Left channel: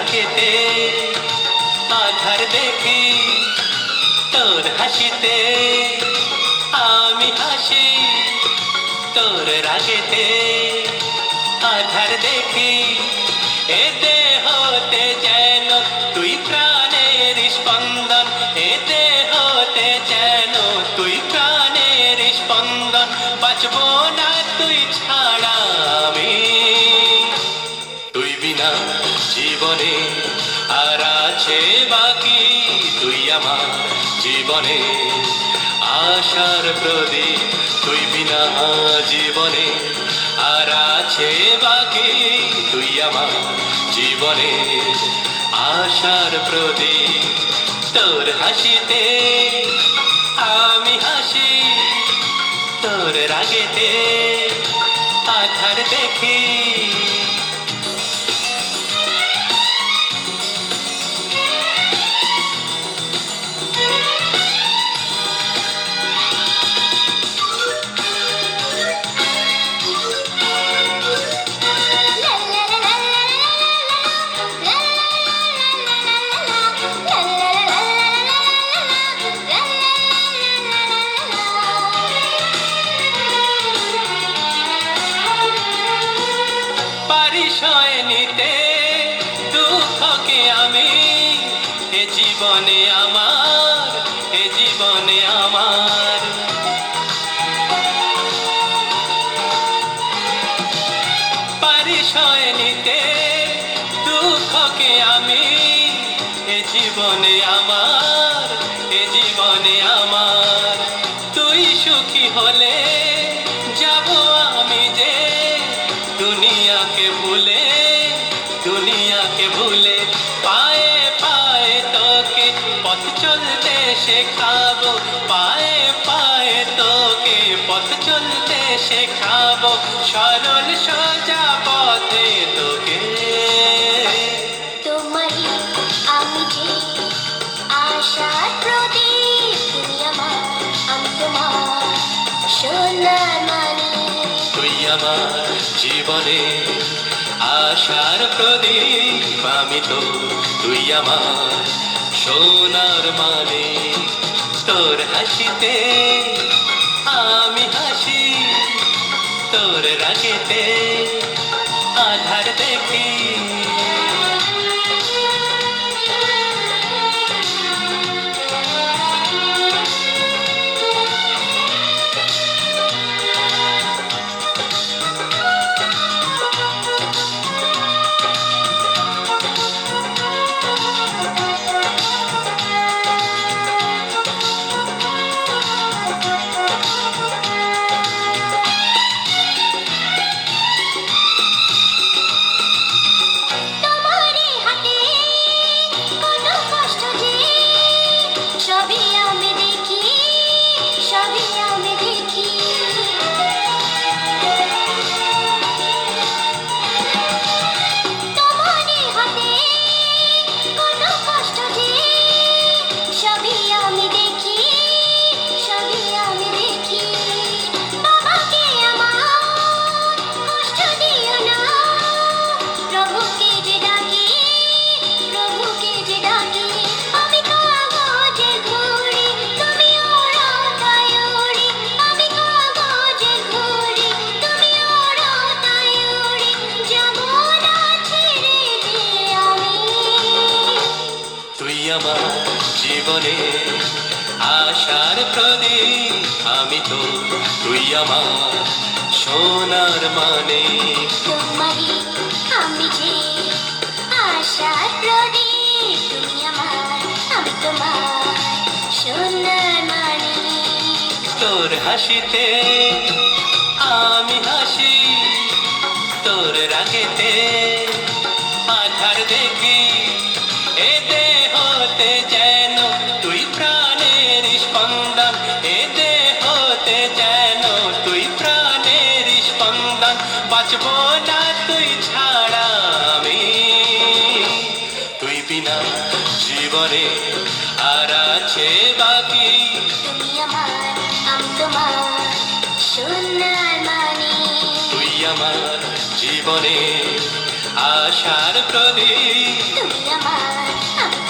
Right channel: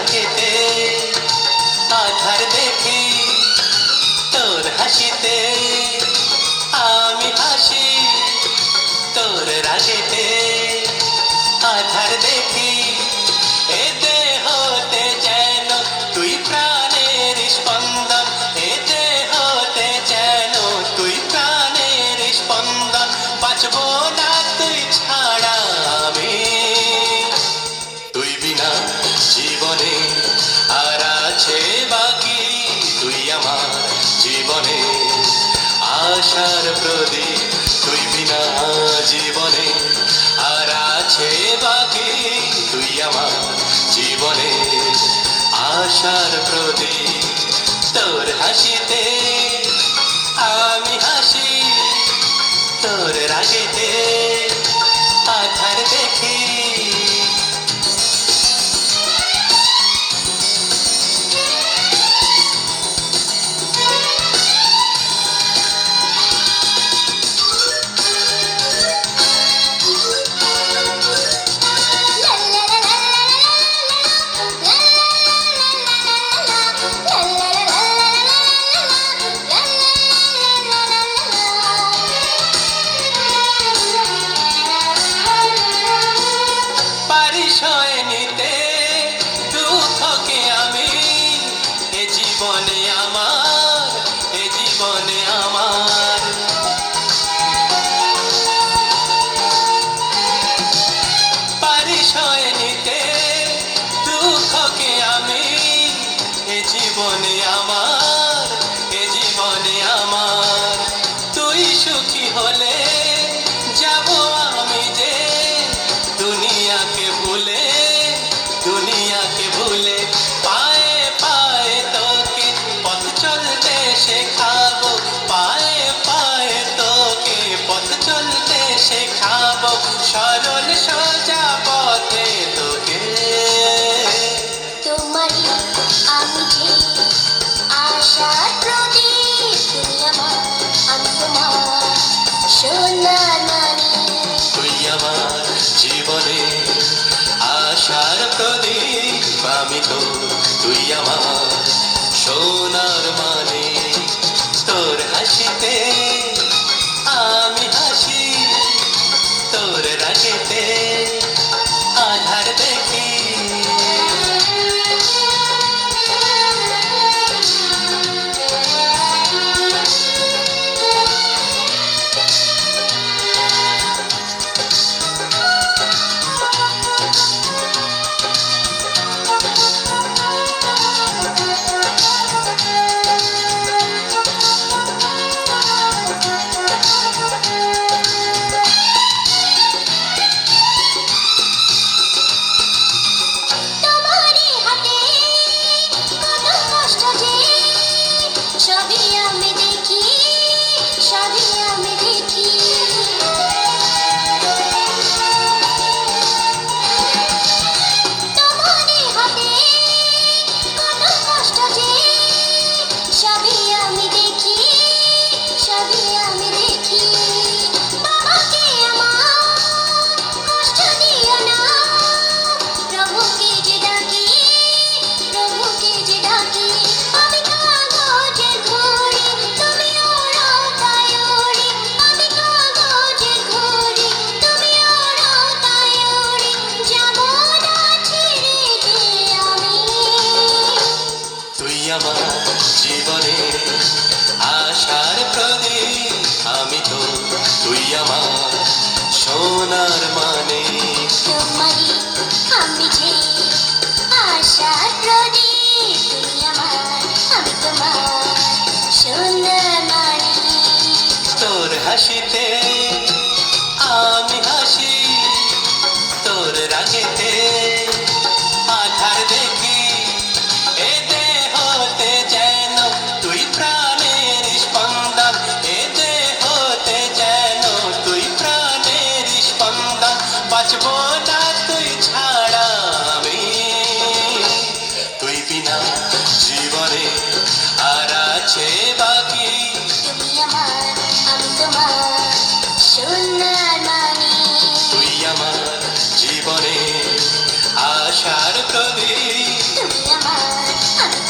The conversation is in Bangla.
রাগেতে আধার দেখি, তোর হাসিতে আমি হাসি, তোর রাগেতে আধার দেখি। এ দেহতে যেন তুই প্রাণের স্পন্দন, এ দেহতে যেন তুই প্রাণের স্পন্দন। বাঁচব না তুই ছাড়া আমি, তুই বিনা জীবনে আর আছে বাকি। তুই আমার জীবনে আশার প্রদীপ, তুই বিনা জীবনে আর আছে বাকি। তুই আমার জীবনে আশার প্রদীপ, তোর হাসিতে আমি হাসি, তোর রাগেতে আধার দেখি। পরিচয় নিতে দুঃখকে আমি, এ জীবনে আমার, এ জীবনে আমার। পরিচয় নিতে দুঃখকে আমি, এ জীবনে আমার, এ জীবনে আমার। তুই সুখী হলে যাব আমি যে দুনিয়াকে ভুলে, দুনিয়াকে ভুলে। পায়ে পায়ে তোকে পথ চলতে শেখাবো, পায়ে পায়ে তোকে পথ চলতে শেখাবো। সরল সোজা পথে তোকে, তোমারই আমি যে আশার প্রদীপ। তুমি আমার, আমি তোমার সোনার মানিক। তুই আমার জীবনে আশার প্রদীপ, আমি তো তুই আমার সোনার মানিক। তোর হাসিতে আমি হাসি, তোর রাগেতে আধার দেখি। তোমারই হাতে কত কষ্ট যে, সবই আমি দেখি, সবই আমি দেখি। তোমারই হাতে কত কষ্ট যে, সবই আমি দেখি, সবই আমি দেখি। বাবাকে আমার কষ্ট দিও না, প্রভুকে যে ডাকি, প্রভুকে যে ডাকি। আমি কাগজের ঘড়ি, তুমি ওড়ো তাই ওড়ি। আমি কাগজের ঘড়ি, তুমি ওড়ো তাই ওড়ি। যাব না ছেড়ে যে আমি। তুই আমার জীবনে আশার প্রদীপ, আমি তো তুই আমার সোনার মানিক। তোমারই আমি যে আশার প্রদীপ। তুমি আমার, আমি তোমার সোনার মানিক। তোর হাসিতে আমি হাসি, তোর রাগেতে আধার দেখি। এ দেহতে যেন তুই প্রাণের স্পন্দন, এ দেহতে যেন তুই প্রাণের স্পন্দন। বাঁচব না তুই ছাড়া আমি, তুই বিনা জীবনে আর আছে বাকি। তুমি আমার, আমি তোমার সোনার মানিক। তুই আমার জীবনে আশার প্রদীপ। তুমি